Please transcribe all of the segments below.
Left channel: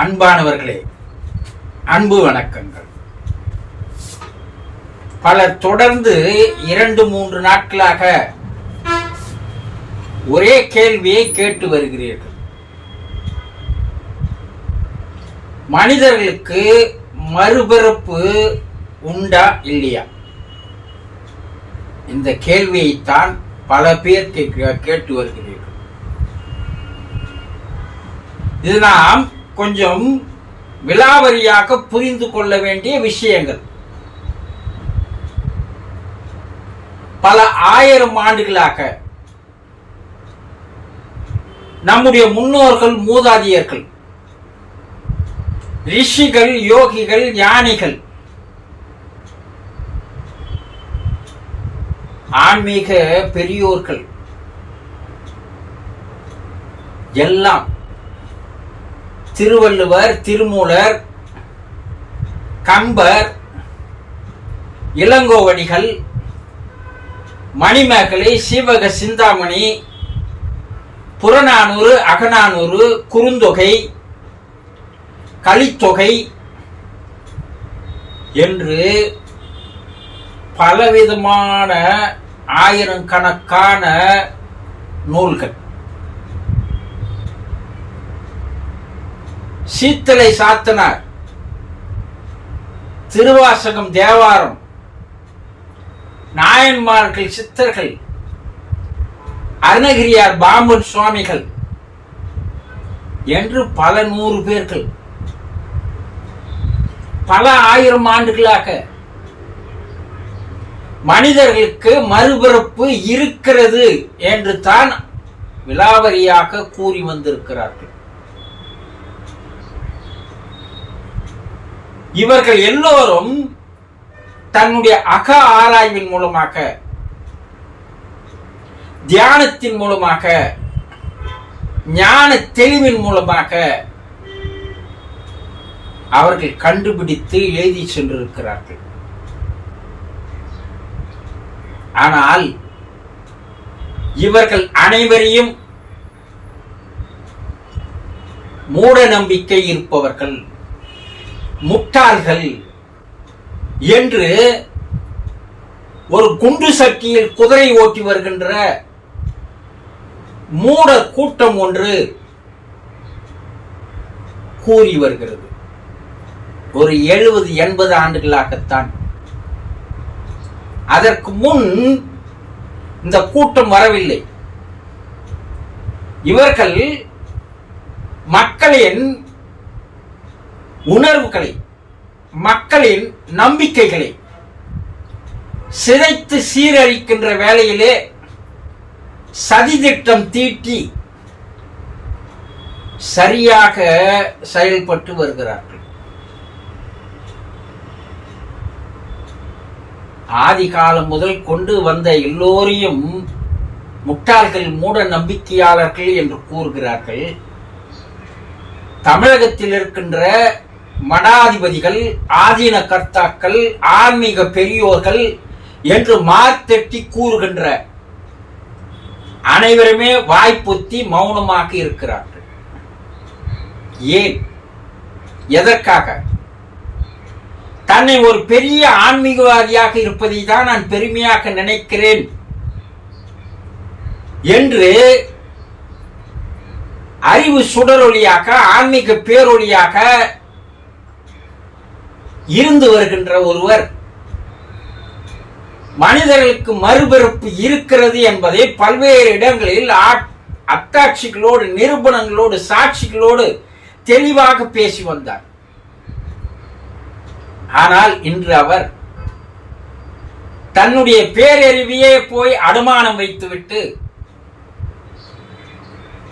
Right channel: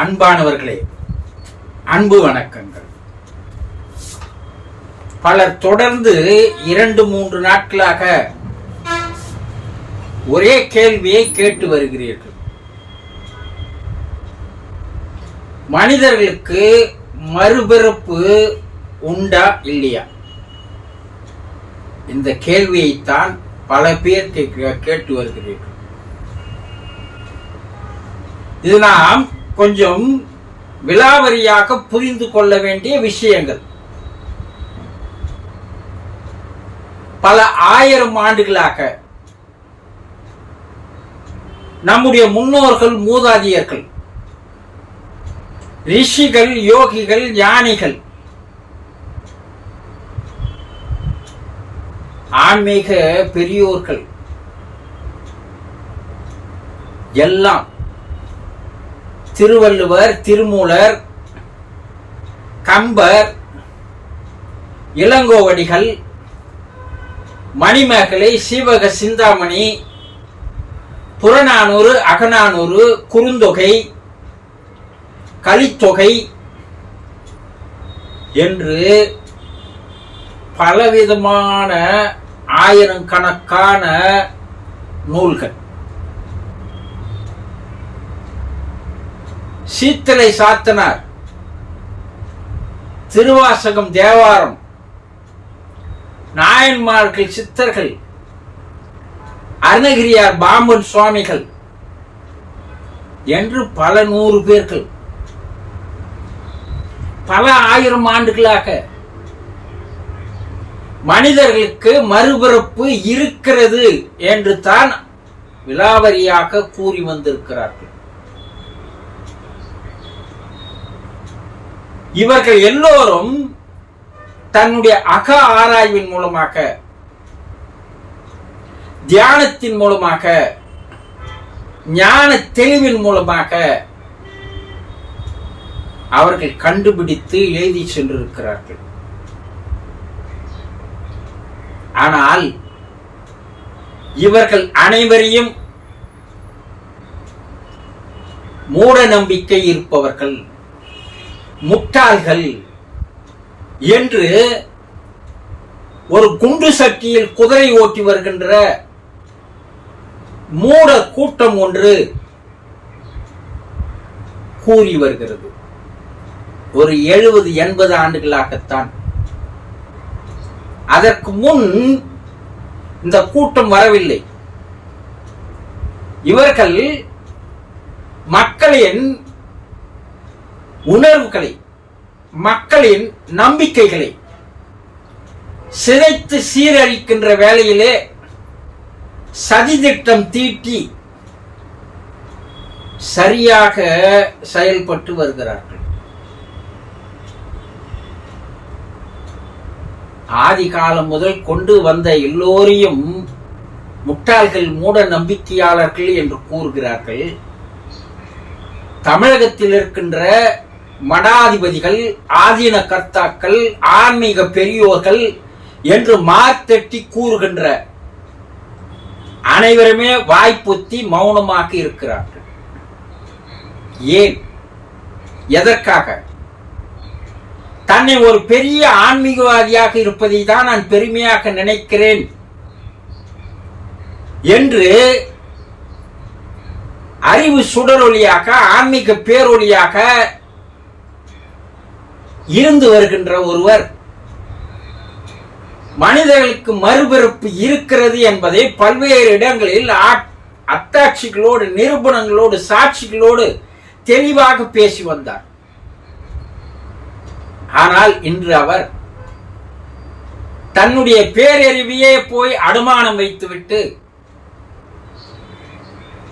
அன்பானவர்களே அன்பு வணக்கங்கள். பலர் தொடர்ந்து இரண்டு மூன்று நாட்களாக ஒரே கேள்வியை கேட்டு வருகிறீர்கள். மனிதர்களுக்கு மறுபிறப்பு உண்டா இல்லையா? இந்த கேள்வியைத்தான் பல பேர் கேட்டு வருகிறீர்கள். இது நாம் கொஞ்சம் விலாவரியாக புரிந்து கொள்ள வேண்டிய விஷயங்கள். பல ஆயிரம் ஆண்டுகளாக நம்முடைய முன்னோர்கள் மூதாதியர்கள் ரிஷிகள் யோகிகள் ஞானிகள் ஆன்மீக பெரியோர்கள் எல்லாம் திருவள்ளுவர் திருமூலர் கம்பர் இளங்கோவடிகள் மணிமேகலை சீவக சிந்தாமணி புறநானூறு அகநானூறு குறுந்தொகை கலித்தொகை என்று பலவிதமான ஆயிரக்கணக்கான நூல்கள். சீத்தலை சாத்தனார். திருவாசகம் தேவாரம். நாயன்மார்கள் சித்தர்கள். அருணகிரியார் பாம்பன் சுவாமிகள். என்று பல நூறு பேர்கள். பல ஆயிரம் ஆண்டுகளாக. மனிதர்களுக்கு மறுபிறப்பு இருக்கிறது என்று தான் விலாவரியாக கூறி வந்திருக்கிறார்கள். இவர்கள் எல்லோரும் தன்னுடைய அக ஆராய்வின் மூலமாக தியானத்தின் மூலமாக ஞான தெளிவின் மூலமாக அவர்கள் கண்டுபிடித்து எழுதி சென்றிருக்கிறார்கள். ஆனால் இவர்கள் அனைவரையும் மூட நம்பிக்கை இருப்பவர்கள் முட்டாள்கள் என்று ஒரு குண்டு சட்டியில் குதிரை ஓட்டி வருகின்ற மூட கூட்டம் ஒன்று கூறி வருகிறது. ஒரு எழுபது எண்பது ஆண்டுகளாகத்தான். அதற்கு முன் இந்த கூட்டம் வரவில்லை. இவர்கள் மக்களின் உணர்வுகளை மக்களின் நம்பிக்கைகளை சிதைத்து சீரழிக்கின்ற வேளையிலே சதித்திட்டம் தீட்டி சரியாக செயல்பட்டு வருகிறார்கள். ஆதி காலம் முதல் கொண்டு வந்த எல்லோரையும் முட்டாள்கள் மூட நம்பிக்கையாளர்கள் என்று கூறுகிறார்கள். தமிழகத்தில் இருக்கின்ற மடாதிபதிகள் ஆதீன கர்த்தாக்கள் ஆன்மீக பெரியோர்கள் என்று மார்த்தட்டி கூறுகின்ற அனைவருமே வாய்ப்புத்தி மௌனமாக இருக்கிறார்கள். ஏன்? எதற்காக? தன்னை ஒரு பெரிய ஆன்மீகவாதியாக இருப்பதை தான் நான் பெருமையாக நினைக்கிறேன் என்று அறிவு சுடரொலியாக ஆன்மீக பேரொளியாக இருந்து வருகின்ற ஒருவர் மனிதர்களுக்கு மறுபிறப்பு இருக்கிறது என்பதை பல்வேறு இடங்களில் அத்தாட்சிகளோடு நிரூபணங்களோடு சாட்சிகளோடு தெளிவாக பேசி வந்தார். ஆனால் இன்று அவர் தன்னுடைய பேரறிவியே போய் அனுமானம் வைத்துவிட்டு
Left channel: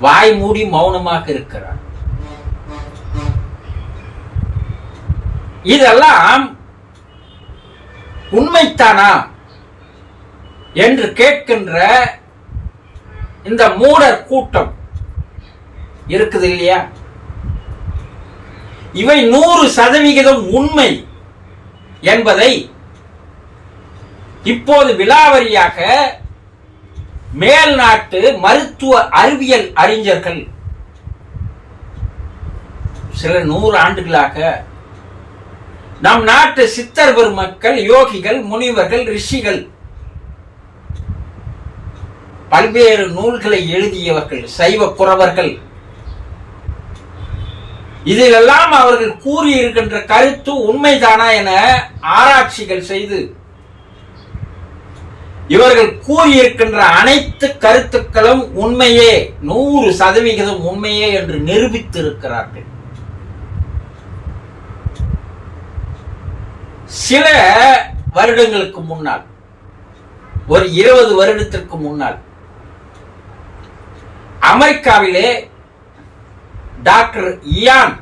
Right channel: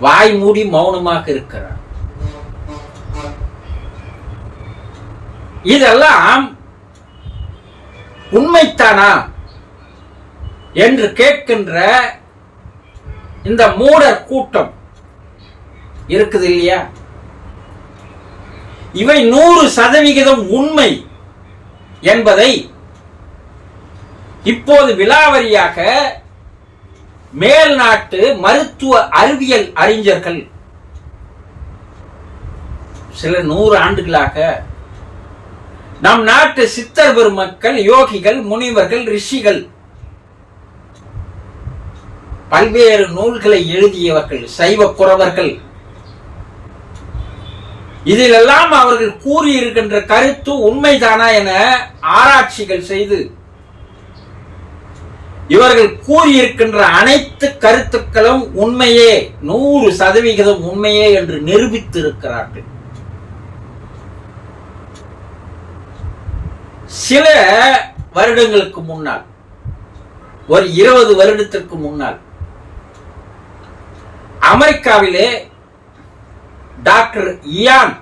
வாய் மூடி மௌனமாக இருக்கிறார். இதெல்லாம் உண்மைத்தானா என்று கேட்கின்ற இந்த மூடர் கூட்டம் இருக்குது இல்லையா? இவை நூறு சதவிகிதம் உண்மை என்பதை இப்போது விலாவரியாக மேல் நாட்டு மருத்துவ அறிவியல் அறிஞர்கள் சில நூறு ஆண்டுகளாக நம் நாட்டு சித்தர் பெருமக்கள் யோகிகள் முனிவர்கள் ரிஷிகள். பல்வேறு நூல்களை எழுதியவர்கள் சைவ குறவர்கள் இதிலெல்லாம் அவர்கள் கூறியிருக்கின்ற கருத்து உண்மைதானா என ஆராய்ச்சிகள் செய்து இவர்கள் கூறியிருக்கின்ற அனைத்து கருத்துக்களும் உண்மையே நூறு சதவிகிதம் உண்மையே என்று நிரூபித்திருக்கிறார்கள். சில வருடங்களுக்கு முன்னால் ஒரு இருபது வருடத்திற்கு முன்னால் அமெரிக்காவிலே டாக்டர் இயான்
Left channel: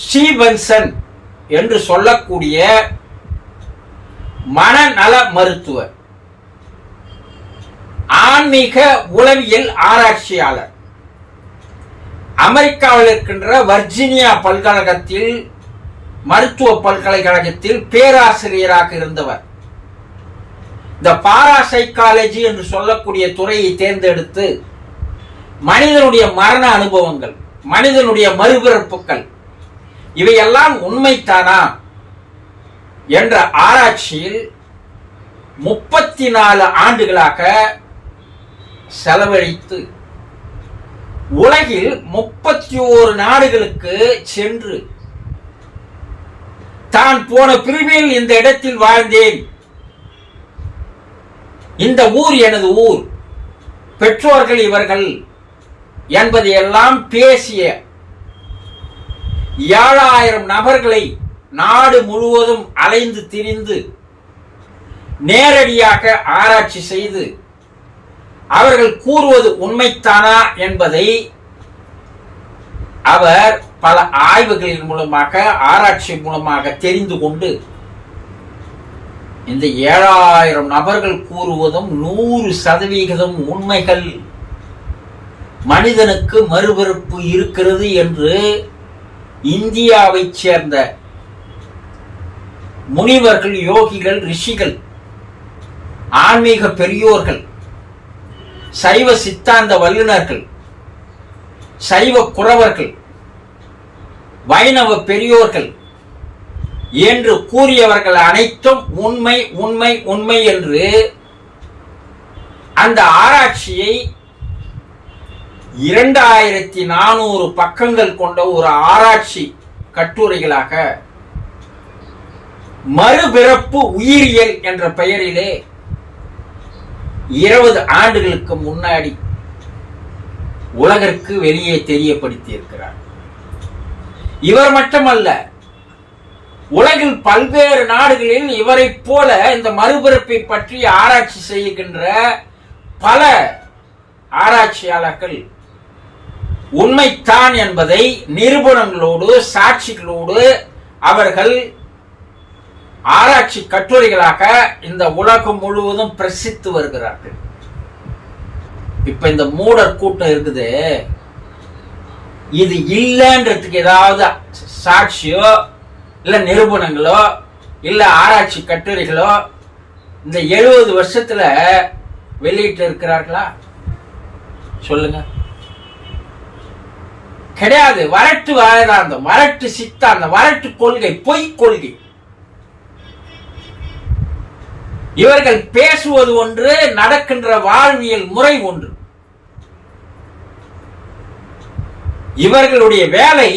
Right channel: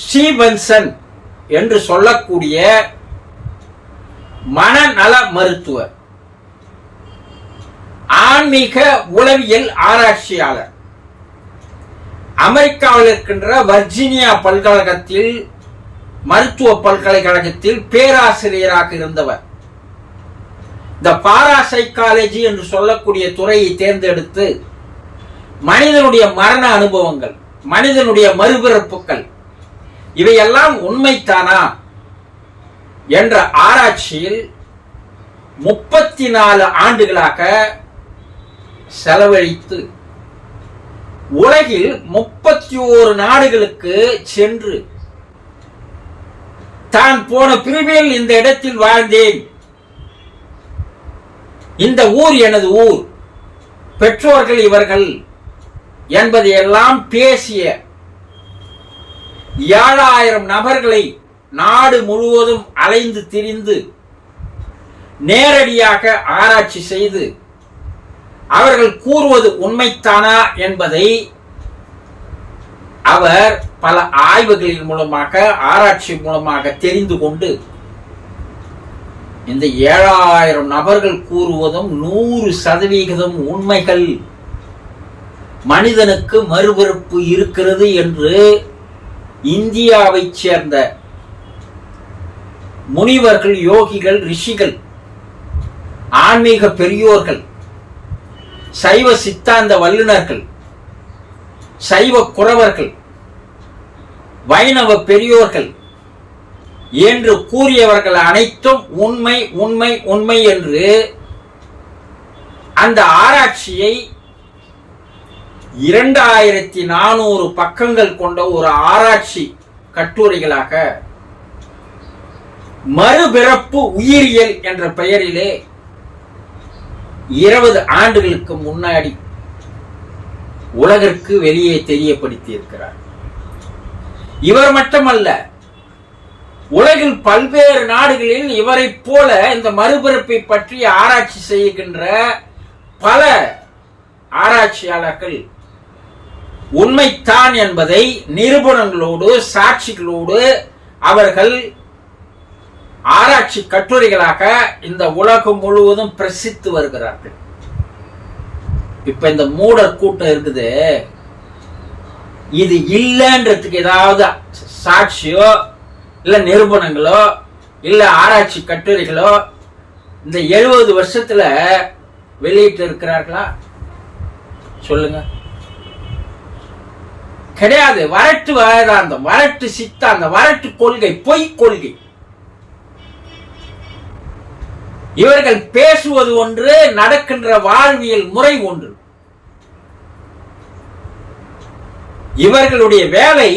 ஸ்டீவன்சன் என்று சொல்லக்கூடிய மனநல மருத்துவர் ஆன்மீக உளவியல் ஆராய்ச்சியாளர் அமெரிக்காவில் இருக்கின்ற வர்ஜீனியா பல்கழகத்தில் மருத்துவ பல்கலைக்கழகத்தில் பேராசிரியராக இருந்தவர். இந்த பாராசைக்காலஜி என்று சொல்லக்கூடிய துறையை தேர்ந்தெடுத்து மனிதனுடைய மரண அனுபவங்கள் மனிதனுடைய மறுபிறப்புகள் இவையெல்லாம் உண்மைத்தானா என்ற ஆராய்ச்சியில் முப்பத்தி நாலு ஆண்டுகளாக செலவழித்து உலகில் முப்பத்தி ஓரு நாடுகளுக்கு சென்று தான் போன பிரிவில் இந்த இடத்தில் வாழ்ந்தேன். இந்த ஊர் எனது ஊர். பெற்றோர்கள் இவர்கள் என்பதையெல்லாம் பேசிய ஏழாயிரம் நபர்களை நாடு முழுவதும் அலைந்து திரிந்து நேரடியாக ஆராய்ச்சி செய்து அவர்கள் கூறுவது உண்மைத்தானா என்பதை அவர் பல ஆய்வுகளின் மூலமாக ஆராய்ச்சி மூலமாக தெரிந்து கொண்டு இந்த ஏழாயிரம் நபர்கள் கூறுவதும் நூறு சதவிகிதம் உண்மைகள். மனிதனுக்கு மறுபிறப்பு இருக்கிறது என்று இந்தியாவைச் சேர்ந்த முனிவர்கள் யோகிகள் ரிஷிகள் ஆன்மீக பெரியோர்கள் சைவ சித்தாந்த வல்லுநர்கள் சைவ குறவர்கள் வைணவ பெரியோர்கள் என்று கூறியவர்கள் அனைத்தும் உண்மை உண்மை உண்மை என்று அந்த ஆராய்ச்சியை இரண்டாயிரத்தி நானூறு பக்கங்கள் கொண்ட ஒரு ஆராய்ச்சி கட்டுரைகளாக மறுபிறப்பு உயிரியல் என்ற பெயரிலே இருபது ஆண்டுகளுக்கு முன்னாடி உலகிற்கு வெளியே தெரியப்படுத்தி இருக்கிறார் இவர் மட்டுமல்ல உலகில் பல்வேறு நாடுகளில் இவரைப் போல இந்த மறுபிறப்பை பற்றி ஆராய்ச்சி செய்கின்ற பல ஆராய்ச்சியாளர்கள் உண்மைத்தான் என்பதை நிரூபணங்களோடு சாட்சிகளோடு அவர்கள் ஆராய்ச்சி கட்டுரைகளாக இந்த உலகம் முழுவதும் பிரசித்து வருகிறார்கள். இப்ப இந்த மூடர் கூட்டம் இருக்குது. இது இல்லைன்றதுக்கு ஏதாவது சாட்சியோ இல்ல நிரூபணங்களோ இல்ல ஆராய்ச்சி கட்டுரைகளோ இந்த எழுபது வருஷத்துல வெளியிட்டு இருக்கிறார்களா? சொல்லுங்க. கிடையாது. வரட்டு வேதாந்தம் வரட்டு சித்தாந்தம் வரட்டு கொள்கை பொய் கொள்கை. இவர்கள் பேசுவது ஒன்று நடக்கின்ற வாழ்வியல் முறை ஒன்று. இவர்களுடைய வேலை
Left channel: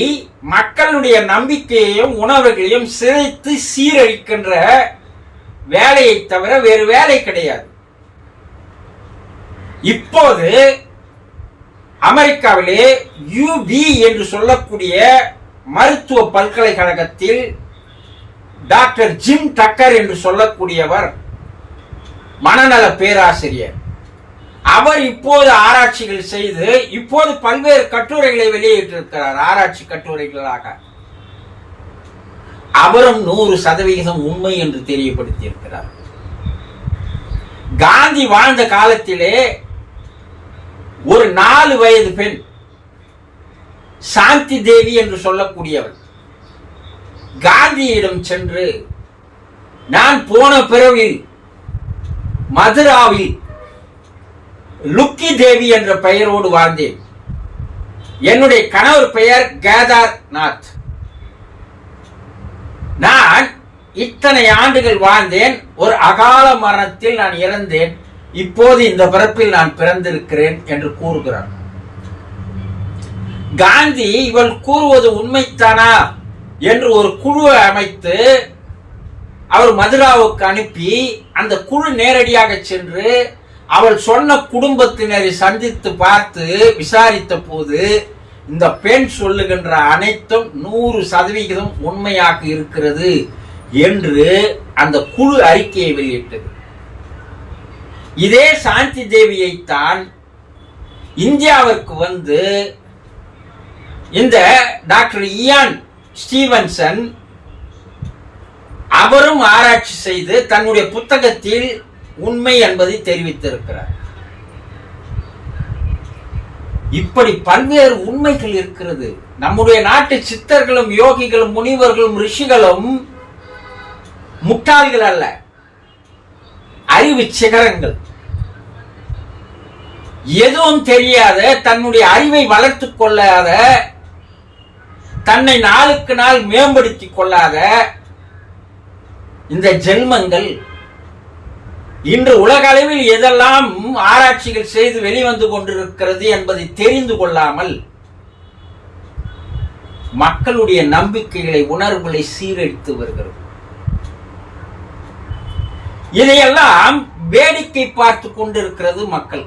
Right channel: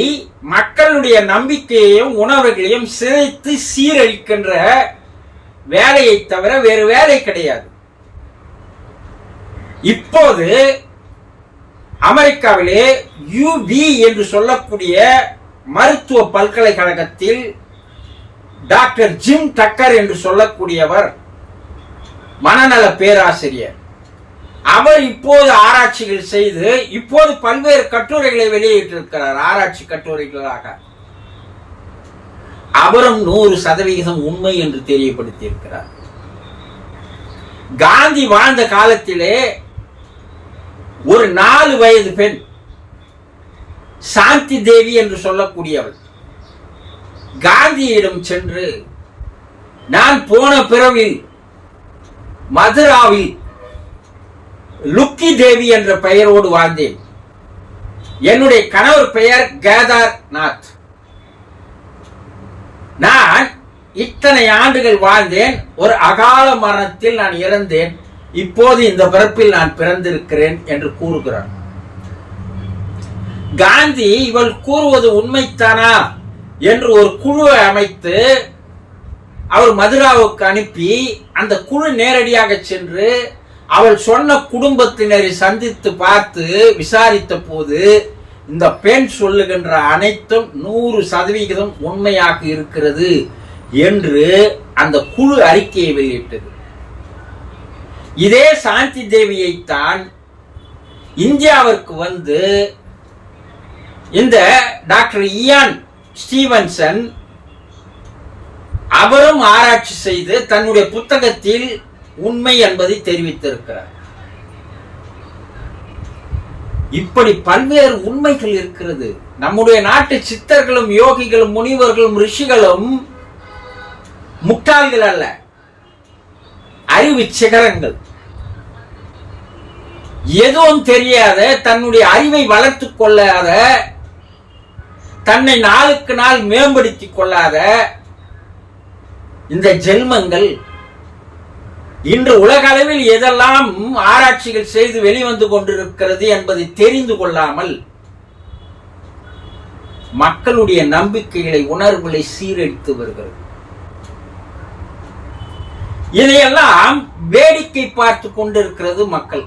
மக்களுடைய நம்பிக்கையையும் உணர்வுகளையும் சிதைத்து சீரழிக்கின்ற வேலையை தவிர வேறு வேலை கிடையாது. இப்போது அமெரிக்காவிலே யூபி என்று சொல்லக்கூடிய மருத்துவ பல்கலைக்கழகத்தில் டாக்டர் ஜிம் டக்கர் என்று சொல்லக்கூடியவர் மனநல பேராசிரியர். அவர் இப்போது ஆராய்ச்சிகள் செய்து இப்போது பல்வேறு கட்டுரைகளை வெளியிட்டிருக்கிறார் ஆராய்ச்சி கட்டுரைகளாக. அவரும் நூறு சதவிகிதம் உண்மை என்று தெரியப்படுத்தியிருக்கிறார். காந்தி வாழ்ந்த காலத்திலே ஒரு நாலு வயது பெண் சாந்தி தேவி என்று சொல்லக்கூடியவள் காந்தியிடம் சென்று நான் போன பிறவில் மதுராவில் லுக்கி தேவி என்ற பெயரோடு வாழ்ந்தேன். என்னுடைய கணவர் பெயர் கேதார் நாத் நான் இத்தனை ஆண்டுகள் வாழ்ந்தேன். ஒரு அகால மரணத்தில் நான் இறந்தேன். இப்போது இந்த பிறப்பில் நான் பிறந்திருக்கிறேன் என்று கூறுகிறார். காந்தி இவள் கூறுவது உண்மைத்தானா என்று ஒரு குழுவை அமைத்து அவர் மதுராவுக்கு அனுப்பி அந்த குழு நேரடியாக சென்று அவள் சொன்ன குடும்பத்தினரை சந்தித்து பார்த்து விசாரித்த போது இந்த பெண் சொல்லுகின்ற அனைத்தும் நூறு சதவிகிதம் உண்மையாக இருக்கிறது என்று அந்த குழு அறிக்கையை வெளியிட்டது. இதே சாந்தி தேவியைத்தான் இந்தியாவிற்கு வந்து இந்த டாக்டர் இயான் ஸ்டீவன்சன் அவரும் ஆராய்ச்சி செய்து தன்னுடைய புத்தகத்தில் உண்மை என்பதை தெரிவித்திருக்கிறார். இப்படி பல்வேறு உண்மைகள் இருக்கிறது. நம்முடைய நாட்டு சித்தர்களும் யோகிகளும் முனிவர்களும் ரிஷிகளும் முட்டாள்கள் அல்ல. அறிவு சிகரங்கள். எதுவும் தெரியாத தன்னுடைய அறிவை வளர்த்துக் கொள்ளாத தன்னை நாளுக்கு நாள் மேம்படுத்திக் கொள்ளாத இந்த ஜென்மங்கள் இன்று உலக அளவில் எதெல்லாம் ஆராய்ச்சிகள் செய்து வெளிவந்து கொண்டிருக்கிறது என்பதை தெரிந்து கொள்ளாமல் மக்களுடைய நம்பிக்கைகளை உணர்வுகளை சீரழித்து வருகிறது. இதையெல்லாம் வேடிக்கை பார்த்து கொண்டிருக்கிறது மக்கள்.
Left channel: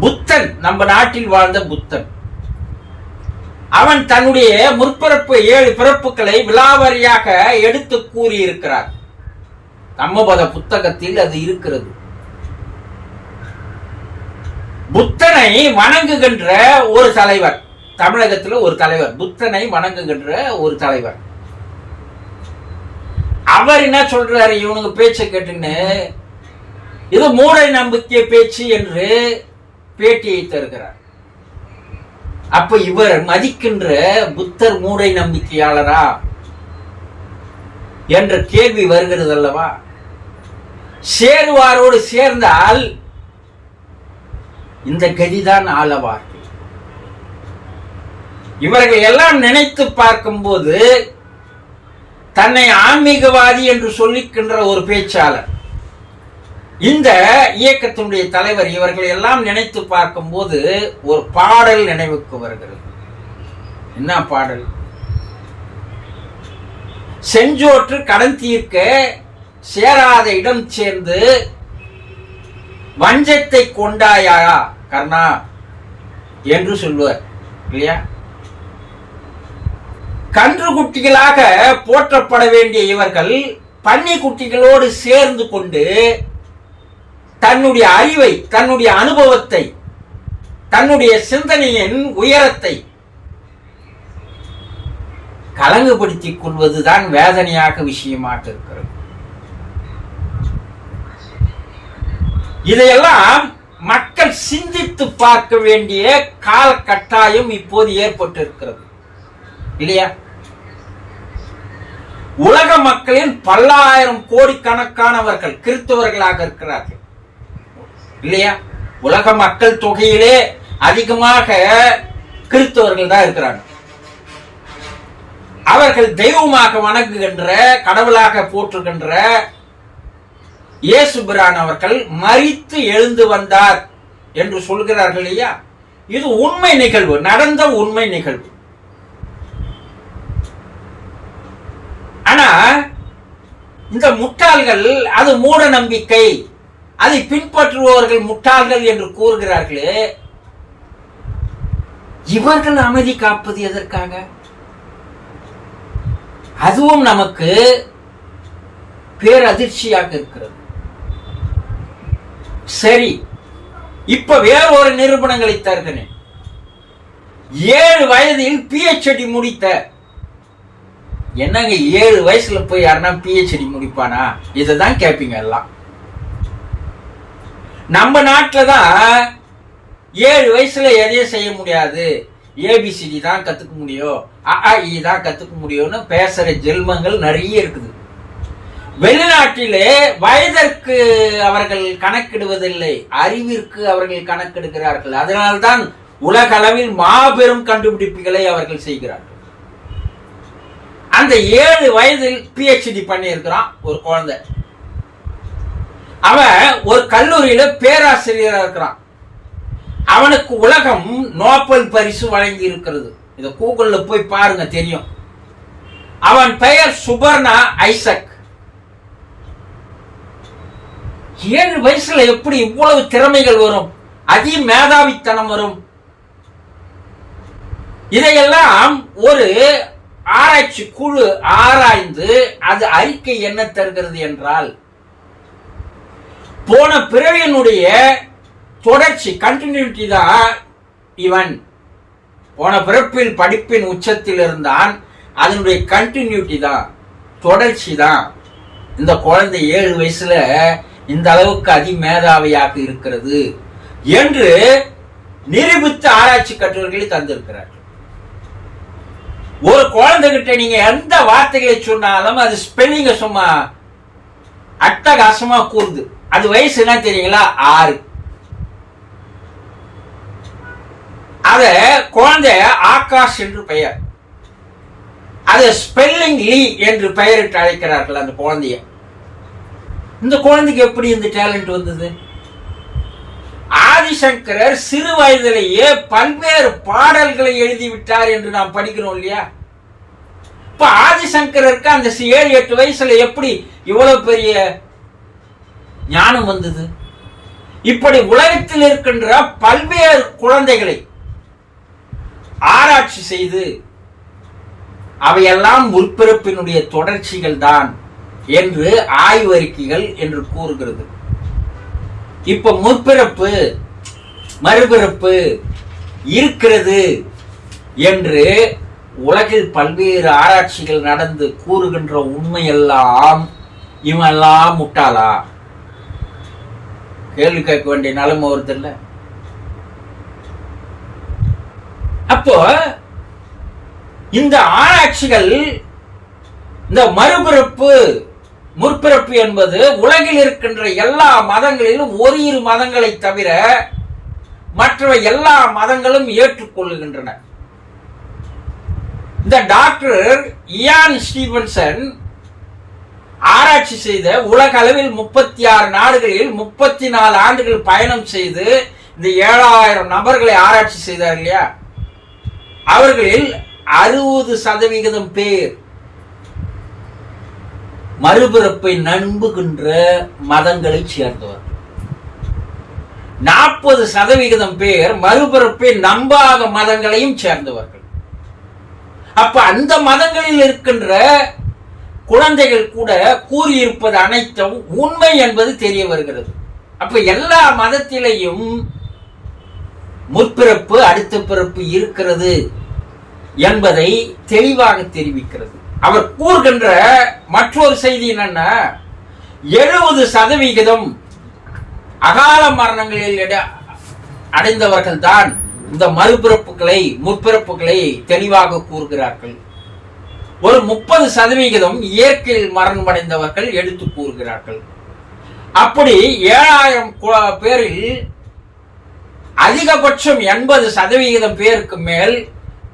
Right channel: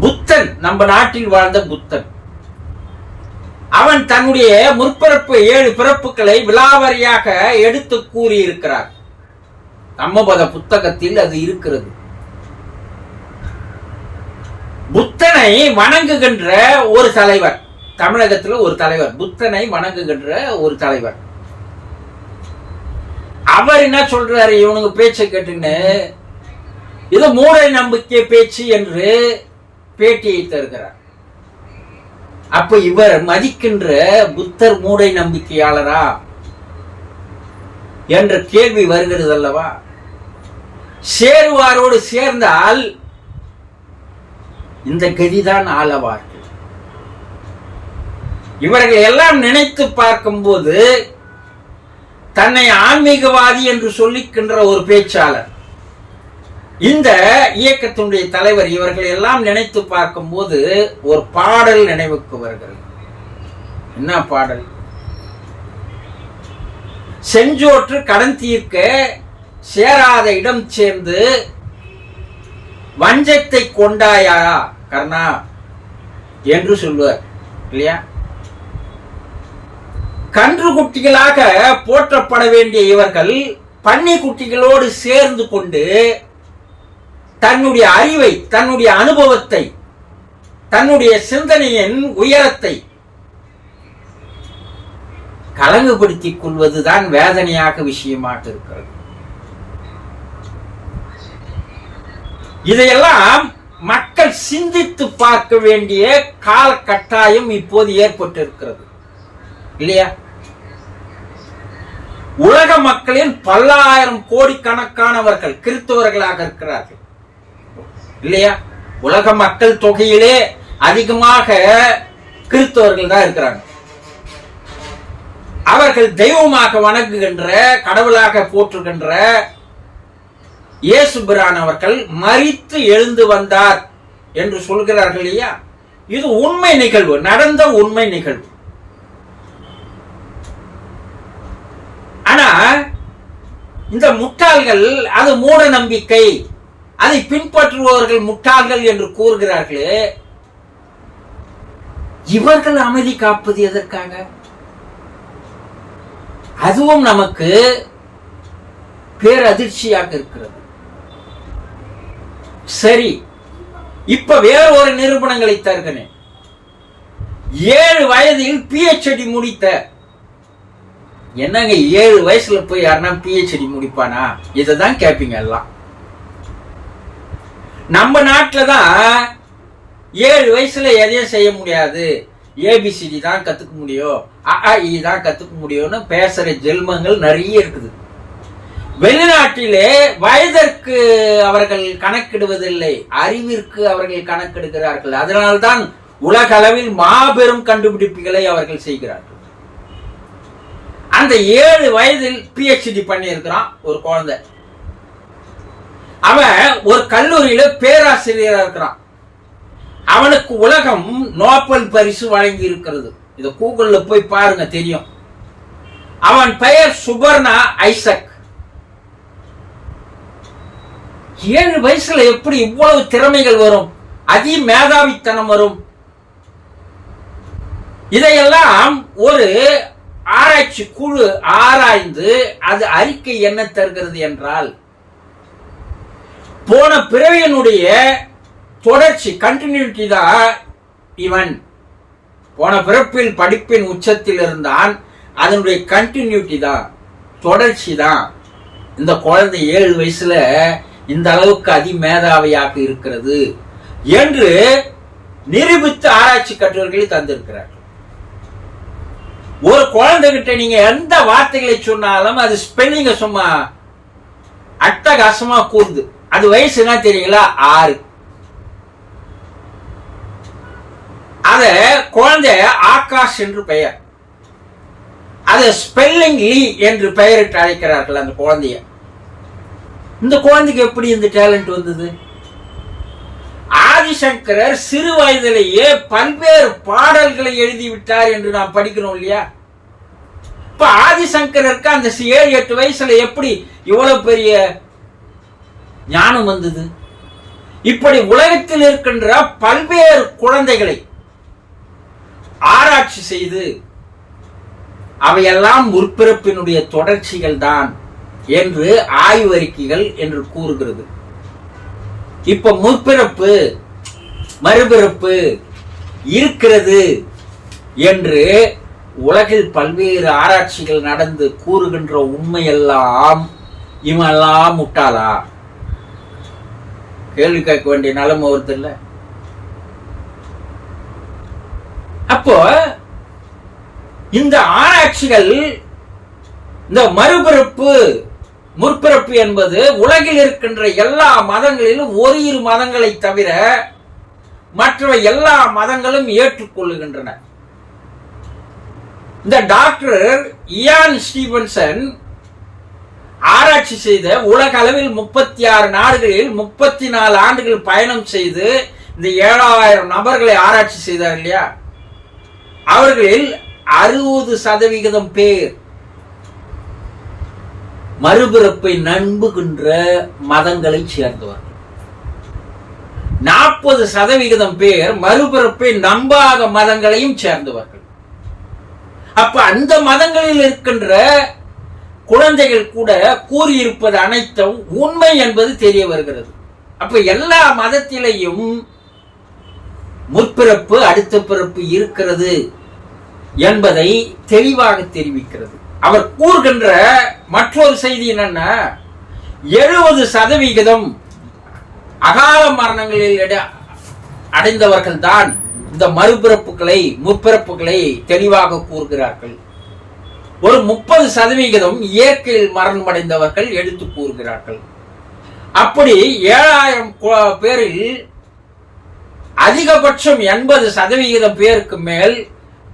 புத்தன் நம்ம நாட்டில் வாழ்ந்த புத்தன். அவன் தன்னுடைய முற்பிறப்பு ஏழு பிறப்புகளை விலாவரியாக எடுத்து கூறியிருக்கிறார். தம்மபத புத்தகத்தில் அது இருக்கிறது. புத்தனை வணங்குகின்ற ஒரு தலைவர் தமிழகத்தில் ஒரு தலைவர் புத்தனை வணங்குகின்ற ஒரு தலைவர். அவர் என்ன சொல்றாரு? இவனுங்க பேச்சை கேட்டுன்னு இது மூடை நம்பிக்கை பேச்சு என்று பேட்டியை தருகிறார். அப்ப இவர் மதிக்கின்ற புத்தர் மூடை நம்பிக்கையாளரா? என்ற கேள்வி வருகிறது அல்லவா? சேருவாரோடு சேர்ந்தால் இந்த கதிதான் ஆளவார்கள். இவர்கள் எல்லாம் நினைத்து பார்க்கும்போது தன்னை ஆன்மீகவாதி என்று சொல்லிக்கின்ற ஒரு பேச்சாளர். இந்த இயக்கத்தினுடைய தலைவர் இவர்கள் எல்லாம் நினைத்து பார்க்கும்போது ஒரு பாடல் நினைவுக்கு வருகிறது. என்ன பாடல்? செஞ்சோற்று கடன் தீர்க்க சேராத இடம் சேர்ந்து வஞ்சத்தை கொண்டாயா கர்ணா? என்று சொல்லுவார். இல்லையா? கன்று குட்டிகளாக போற்றப்பட வேண்டிய இவர்கள் பன்னி குட்டிகளோடு சேர்ந்து கொண்டு தன்னுடைய அறிவை தன்னுடைய அனுபவத்தை தன்னுடைய சிந்தனையின் உயரத்தை கலங்குபடுத்திக் கொள்வதுதான் வேதனையாக விஷயமாக இருக்கிறது. இதையெல்லாம் மக்கள் சிந்தித்து பார்க்க வேண்டிய கால கட்டாயம் இப்போது ஏற்பட்டிருக்கிறது. இல்லையா? உலக மக்களின் பல்லாயிரம் கோடிக்கணக்கானவர்கள் கிறிஸ்தவர்களாக இருக்கிறார்கள். இல்லையா? உலக மக்கள் தொகையிலே அதிகமாக கிறிஸ்தவர்கள் தான் இருக்கிறாங்க. அவர்கள் தெய்வமாக வணங்குகின்ற கடவுளாக போற்றுகின்ற இயேசுபிரான் அவர்கள் மறித்து எழுந்து வந்தார் என்று சொல்கிறார்கள் இல்லையா? இது உண்மை நிகழ்வு நடந்த உண்மை நிகழ்வு. ஆனா இந்த முட்டாள்கள் அது மூட நம்பிக்கை. அதை பின்பற்றுபவர்கள் முட்டாள்கள் என்று கூறுகிறார்களே. இவர்கள் அமைதி காப்பது எதற்காக? அதுவும் நமக்கு பேரதிர்ச்சியாக இருக்கிறது. சரி இப்ப வேற ஒரு நிரூபணங்களை தருகிறேன். ஏழு வயதில் பிஹெச்டி முடித்த என்னங்க ஏழு வயசுல போய் யாருன்னா பிஹெச்டி முடிப்பானா? இதை தான் கேட்பீங்க எல்லாம். நம்ம நாட்டில் தான் ஏழு வயசுல எதையும் செய்ய முடியாது. ஏபிசிடி தான் கத்துக்க முடியும். அ தான் கத்துக்க முடியும்னு பேசுற ஜென்மங்கள் நிறைய இருக்குது. வெளிநாட்டிலே வயதற்கு அவர்கள் கணக்கிடுவதில்லை அறிவிற்கு அவர்கள் கணக்கெடுக்கிறார்கள் அதனால்தான் உலக அளவில் மாபெரும் கண்டுபிடிப்புகளை அவர்கள் செய்கிறார்கள். அந்த ஏழு வயதில் பிஹெச்டி பண்ணியிருக்கிறான் ஒரு குழந்தை. அவன் ஒரு கல்லூரியில பேராசிரியரா இருக்கிறான். அவனுக்கு உலகம் நோபல் பரிசு வழங்கி இருக்கிறது. இதை கூகுள்ல போய் பாருங்க தெரியும். அவன் பெயர் சுபர்ணா ஐசக். ஏழு வயசுல எப்படி இவ்வளவு திறமைகள் வரும்? அதி மேதாவித்தனம் வரும். இதையெல்லாம் ஒரு ஆராய்ச்சி குழு ஆராய்ந்து அது அறிக்கை என்ன தருகிறது என்றால் போன பிறவியனுடைய தொடர்ச்சி கண்டினியூட்டி தான் இவன். போன பிறப்பில் படிப்பின் உச்சத்தில் இருந்தான் அதனுடைய கண்டினியூட்டி தான் தொடர்ச்சி தான் இந்த குழந்தை ஏழு வயசுல இந்த அளவுக்கு அதிமேதாவியாக இருக்கிறது என்று நிரூபித்து ஆராய்ச்சி கட்டுரைகளை தந்திருக்கிறார் ஒரு குழந்தைகிட்ட நீங்க எந்த வார்த்தைகளை சொன்னாலும் அது ஸ்பெல்லிங்க சும்மா அட்டகாசமா கூறுது அது வயசு என்ன தெரியுங்களா? ஆறு. அத குழந்தை ஆகாஷ் என்று பெயர். அது ஸ்பெல்லிங் லீ என்று பெயரிட்டு அழைக்கிறார்கள் அந்த குழந்தைய. இந்த குழந்தைக்கு எப்படி இந்த டேலண்ட் வந்தது? ஆதிசங்கரர் சிறு வயதிலேயே பல்வேறு பாடல்களை எழுதிவிட்டார் என்று நாம் படிக்கிறோம் இல்லையா? இப்ப ஆதிசங்கரருக்கு அந்த ஏழு எட்டு வயசுல எப்படி இவ்வளவு பெரிய ஞானம் வந்தது? இப்படி உலகத்தில் இருக்கின்ற பல்வேறு குழந்தைகளை ஆராய்ச்சி செய்து அவையெல்லாம் முற்பிறப்பினுடைய தொடர்ச்சிகள் தான் என்று ஆய்வறிக்கைகள் என்று கூறுகிறது. இப்ப முற்பிறப்பு மறுபிறப்பு இருக்கிறது என்று உலகில் பல்வேறு ஆராய்ச்சிகள் நடந்து கூறுகின்ற உண்மையெல்லாம் இவெல்லாம் முட்டாளா? கேள்வி கேட்க வேண்டிய நிலைமை வருது இல்ல? அப்போ இந்த ஆராய்ச்சிகள் இந்த மறுபிறப்பு முற்பிறப்பு என்பது உலகில் இருக்கின்ற எல்லா மதங்களிலும் ஒரு இரு மதங்களை தவிர மற்றவை எல்லா மதங்களும் ஏற்றுக்கொள்ளுகின்றன. இந்த டாக்டர் இயான் ஸ்டீவன்சன் ஆராய்ச்சி செய்த உலக அளவில் முப்பத்தி ஆறு நாடுகளில் முப்பத்தி நாலு ஆண்டுகள் பயணம் செய்து இந்த ஏழாயிரம் நபர்களை ஆராய்ச்சி செய்தார் இல்லையா? அவர்களில் அறுபது சதவிகிதம் பேர் மறுபிறப்பை நம்புகின்ற மதங்களை சேர்ந்தவர்கள் நாற்பது சதவிகிதம் பேர் மறுபிறப்பை நம்பாத மதங்களையும் சேர்ந்தவர்கள். அப்ப அந்த மதங்களில் இருக்கின்ற குழந்தைகள் கூட கூறியிருப்பது அனைத்தும் உண்மை என்பது தெரிய வருகிறது. அப்ப எல்லா மதத்திலையும் முற்பிறப்பு அடுத்த பிறப்பு இருக்கிறது என்பதை தெளிவாக தெரிவிக்கிறது. அவர் கூறுகின்ற மற்றொரு செய்தி என்னன்னா எழுபது சதவிகிதம் அகால மரணங்களில் அடைந்தவர்கள் தான் இந்த மறுபிறப்புகளை முற்பிறப்புகளை தெளிவாக கூறுகிறார்கள். ஒரு முப்பது சதவிகிதம் இயற்கையில் மரணம் அடைந்தவர்கள் எடுத்து கூறுகிறார்கள். அப்படி ஏழாயிரம் பேரில் அதிகபட்சம் எண்பது சதவிகிதம் பேருக்கு மேல்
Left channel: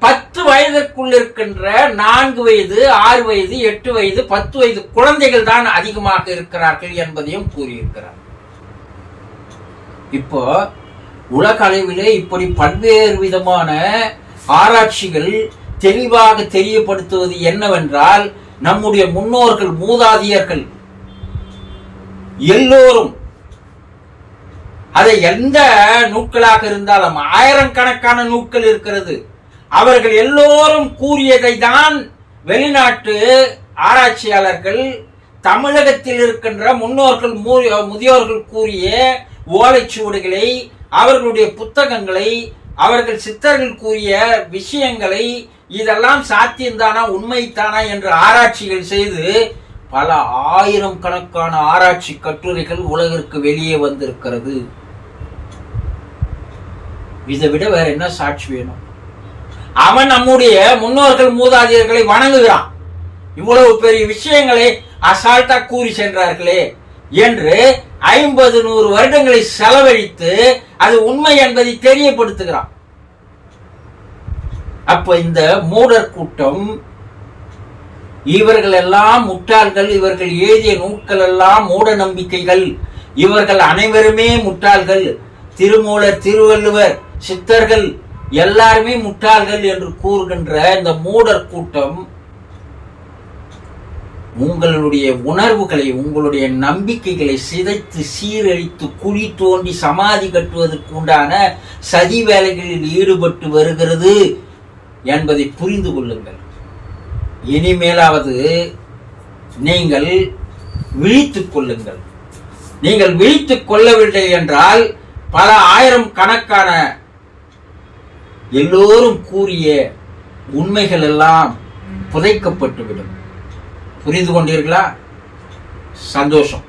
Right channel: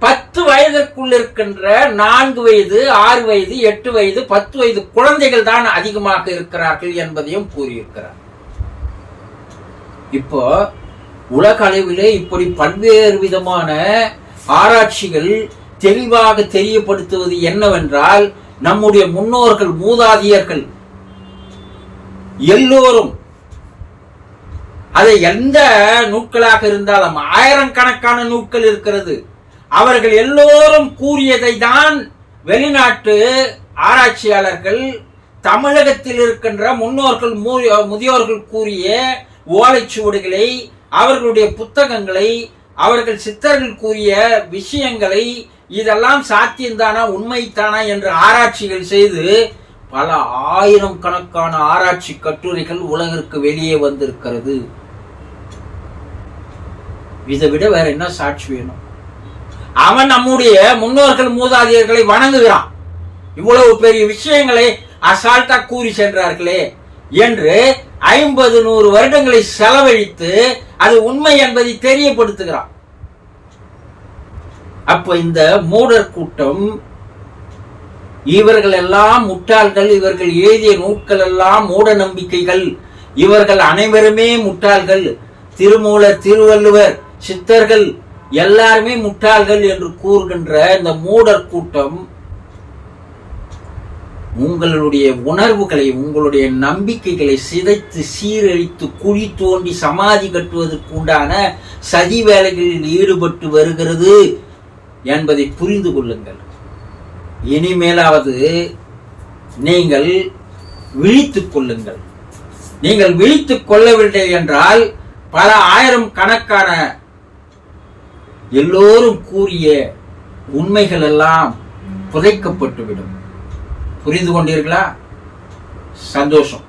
பத்து வயதிற்குள் இருக்கின்ற நான்கு வயது ஆறு வயது எட்டு வயது பத்து வயது குழந்தைகள் தான் அதிகமாக இருக்கிறார்கள் என்பதையும் கூறியிருக்கிறார். இப்போ உலக அளவிலே இப்படி பல்வேறு விதமான ஆராய்ச்சிகள் தெளிவாக தெரியப்படுத்துவது என்னவென்றால் நம்முடைய முன்னோர்கள் மூதாதையர்கள் எல்லோரும் அதை எந்த நூக்களாக இருந்தாலும் ஆயிரக்கணக்கான நூட்கள் இருக்கிறது. அவர்கள் எல்லோரும் கூறியதை தான் வெளிநாட்டு ஆராய்ச்சியாளர்கள் தமிழகத்தில் இருக்கின்ற முன்னோர்கள் முதியோர்கள் கூறிய ஓலைச்சுவடுகளை அவர்களுடைய புத்தகங்களை அவர்கள் சித்தர்கள் கூறிய விஷயங்களை இதெல்லாம் சாத்தியம்தானா உண்மைத்தானா என்று ஆராய்ச்சிகள் செய்து பல ஆயிரம் கணக்கான ஆராய்ச்சி கட்டுரைகள் உலகிற்கு வெளியே வந்திருக்கிறது. இதை விட வேற என்ன சாட்சி வேணும்? அவன் நம்முடைய முன்னோர்கள் மூதாதையர்களை வணங்குகிறான். இவ்வளவு பெரிய விஷயங்களை அசால்ட்டா கூறி சென்றார்களே என்று ஐம்பது நூறு வருடங்களை செலவழித்து அது உண்மை என்பதை தெரியப்படுத்துகிறான். அப்ப இந்த மூடர் கூட்டம் இவர்கள் எல்லாம் முட்டாள்கள் இவர்கள் எழுதிய நூட்கள் எல்லாம் மூட நம்பிக்கைகள். இவர்கள் அனைவருமே முட்டாள்கள். திருமூலர் திருவள்ளுவர் சித்தர்கள் எல்லாருமே முட்டாள்கள் என்று கூறுகின்ற இந்த மூடர் கூட்டம் உங்களுடைய உணர்வுகளை உங்களுடைய நம்பிக்கைகளை சிதைத்து சீரழித்து குழி தோண்டி சமாதி கட்டுவதற்கு உண்டான சதி வேலைகளில் ஈடுபட்டு வருகிறது என்பதை புரிந்து கொள்ளுங்கள். இனிமேலாவது நீங்கள் விழித்துக் கொள்ளுங்கள். நீங்கள் விழித்துக் கொள்ளவில்லை என்றால் பல ஆயிரம் கணக்கான எல்லோரும் கூறிய உண்மைகள் எல்லாம் புதைக்கப்பட்டுவிடும். புரிந்து கொண்டீர்களா? சந்தோஷம்.